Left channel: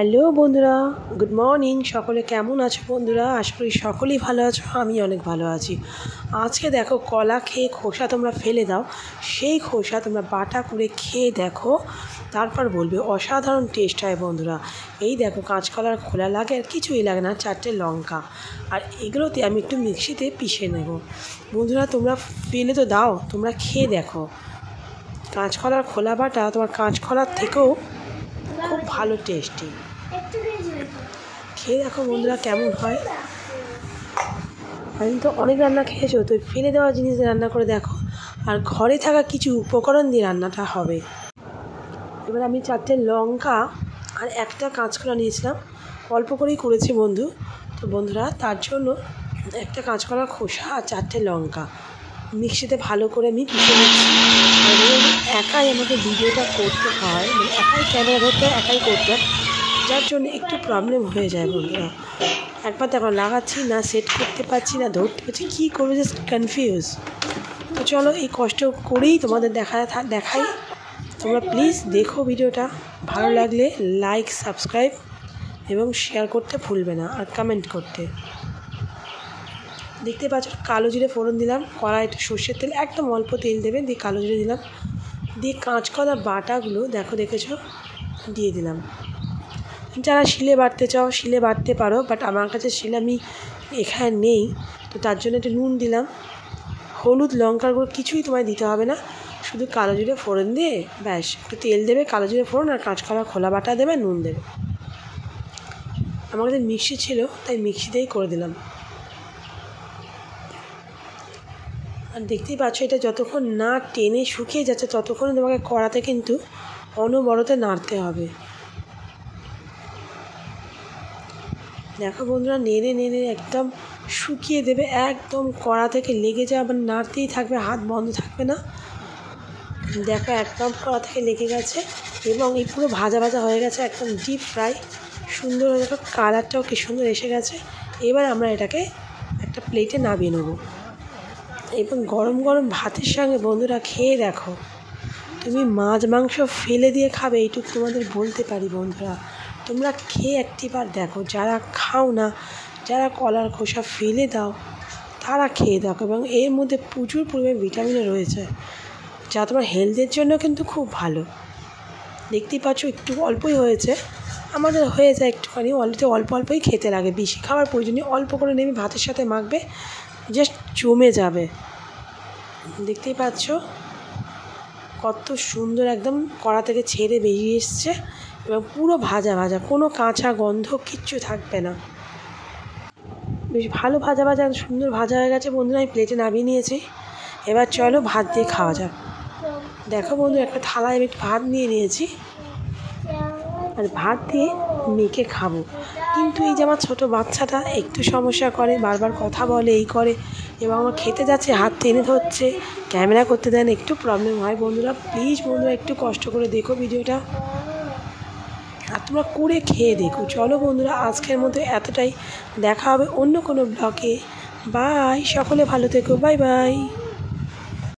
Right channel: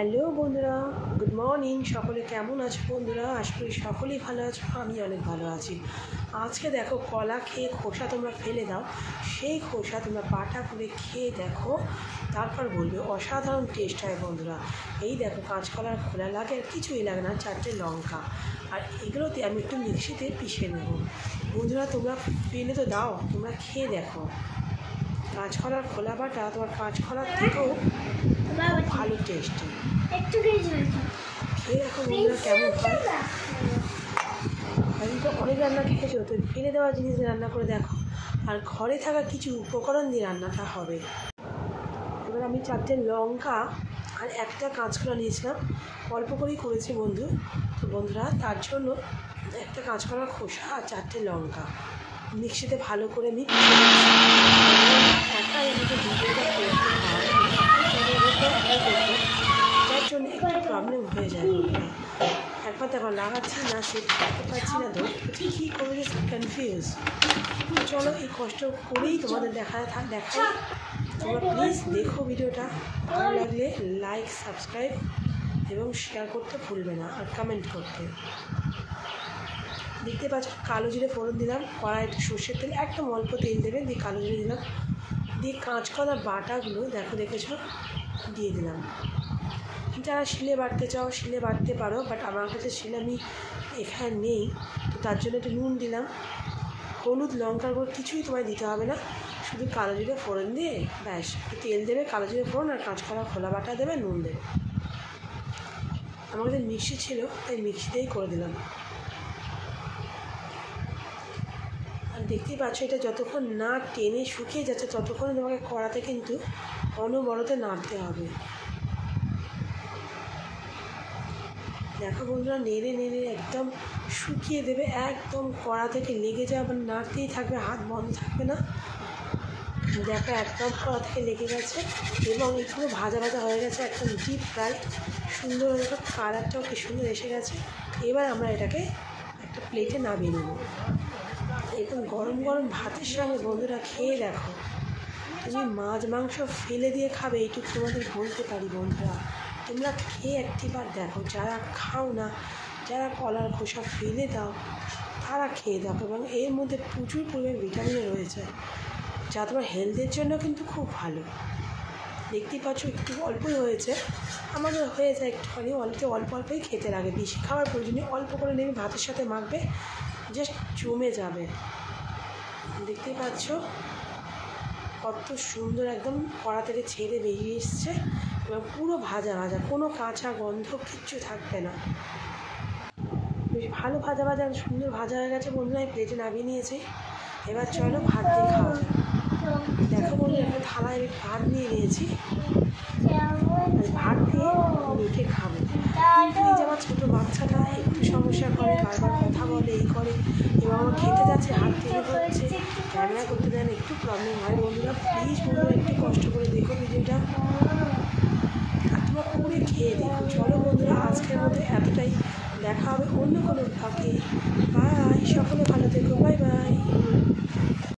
Hello বন্ধুরা, good morning. সকলে কেমন আছো বন্ধুরা? আশা করি সকলেই ভালো আছো। আমি অনেক ভালো আছি। আজকে দেখো, কলা খেয়ে খোসা তোমরা ফেলে দাও, সেই খোসা তোমরা বাটা করে খেয়ে দেখো, তারপর বলবে অসাধারণ টেস্ট হয় বন্ধুরা। এই দেখো, কাঁচকলার খোলা লাগে আর কিছুই লাগে না, 4টে লঙ্কা, আর এগুলোতে আমি একটু মিক্সিতে পিষে নেব। বন্ধুরা তোমরা ফেলে তো দাও, তোমরা খেয়ে দেখো। কাঁচকলার খোলা বাটা তোমার কাঁচকলার থেকেও খুব ভালো টেস্টি। খেয়ে দেখো বন্ধুরা কেমন হয়। আমি তো অনেক রান্না খেয়েছো, তো ফেলে দেওয়া জিনিস রান্না করে দেখো, আর ঘরে থাকা কিছু উপকরণ দিয়ে রান্নাটা হবে। এবার আমি 4টে লঙ্কা আর একটা কাঁচকলা নিয়েছিলাম, অল্প করেই করেছি বন্ধু। তো বন্ধুরা তার জন্য একটা কাঁচকলার খোসা আর 4টে লঙ্কা মিক্সিতে ভালো করে আমি পিষে নিচ্ছি। একাই আমাকে ভিডিওটা করতে হয়, একাই ক্যামেরা ধরতে একাই করতে হয়, যার জন্য একটু প্রবলেম হয়ে যায় বন্ধুরা। একবার তারপর লাগাচ্ছি না, সেট করতে পারছি না, ধরতে পারছি, কী করবো, জাস্ট কনফিউজ। তো চলো এই কষ্ট করেই তোমাদের দেখাই। তোমরা প্লিজ দেখো ভিডিওটা, ভালো লাগলে লাইক, সাবস্ক্রাইব এবং শেয়ার করতে ভুলবে না, আর কমেন্ট করতে। দেখতে পাচ্ছ, কালো জিরে ফোড়ন দিলাম, কড়াইতে সর্ষের তেল, একদম অল্প তেল দেবেন, দিয়ে কালো জিরে দিলাম, দিয়ে কাঁচকলা বাটাগুলো দেখেছো দিয়ে দিলাম। যারা শিলে বাটতে চাও শিলে বাটতে পারো, বাট আমার কাছে শিলে আমি এখানে নেই, তো তার জন্য একটু নুন দিলাম, হলুদ, লঙ্কার গুঁড়ো কিছুই তোমায় দিতে হবে না, শুধু কালো জিরে ফোড়ন দিয়ে ব্যাস, একটু তেল দেবে, কালো জিরে ফোড়ন আর কাঁচকলা খোলা বাটা দেবে, নুন দেবে। আমার কাছে মিক্সি ছিল, তাই মিক্সিতেই করে দিলাম। আর দেখতেই পাচ্ছ, এটা যতক্ষণ না টেনে শুকিয়ে যাচ্ছে ততক্ষণ তোমাকে কড়াতে কিন্তু অনবরত নাড়তে হবে। দেখো বন্ধুরা, নেড়ে একদম শুকিয়ে দেবে, একদম কড়া থেকে লেগে যায়, আবার নাড়তেই থাকবে, হাত বন্ধ থাকবে না। দেখো একদম কড়া থেকে লেগে গেছে, এবং এই পুরো ভাজা হয়ে গেছে, একদম ডিপ ফ্রাই, সুন্দর দেখো কালারটাও কি সুন্দর এসে গেছে। এবার আমরা এটাকে একটা প্লেটে নামিয়ে নেব, এবং গরম ভাতের সঙ্গে বন্ধুরা খেয়ে দেখো। তুমি মাছ মাংস ফেলে দিয়ে খাবে, এইটুকু তোমাদের বলতে পারি বন্ধুরা। তোমরা খেয়ে একটিবার দেখো, যারা খাও না, যারা কলার খোসা ফেলে দাও, তারা খেয়ে দেখো, এবং এর মধ্যে প্রচুর পরিমাণে ভিটামিনও রয়েছে, যা তোমার হেলথের জন্য কিন্তু খুব ভালো। দেখতেই পাচ্ছ একটু অল্পই হয়েছে, আমাদের হয়ে যায় একটুখানি, অল্পই খেতে লাগে, বেশি খাওয়ার প্রয়োজনীয়, অল্প করে নেমে ভাতের সাথে মাখবে, জাস্ট জমে যাবে। দেখতেই পাচ্ছ কত সুন্দর একদম কড়া থেকে ছেড়ে বেরিয়ে এসছে, এবং পুরো ভাজা, কোনো কাঁচা গন্ধ কিচ্ছু থাকবে না। বেশ ভালো ভাজা সুন্দর ভাজা হয়ে গেছে বন্ধুরা। আমি প্লেটে নামিয়ে নিয়েছি, এবার চলো ভাত দিয়ে খাওয়া যাক। দেখো বন্ধুরা, একটা থালায় আমি ভাত নিয়ে নিয়েছি, আর ভাত দিয়ে মেখে খাবো। কিন্তু এই যে আমার ছোটো বাচ্চাটা একটু সমস্যা করে, বারবার কথা বলে, এই করে, এবং আমার খেতে যাচ্ছে হাত টেনে ধরছে, ক্যামেরা করতে দেন, একটু প্রবলেম হয় বন্ধুরা। প্লিজ বন্ধুরা একটু কষ্ট করে দেখো ভিডিওটা, আর তোমরা করে খেয়ে দেখো। চলো বন্ধুরা, আজকের মধ্যে এতটাই, দেখা হবে অন্য কোনো ব্লগে। বাই, সকলে ভালো থেকো, বাই।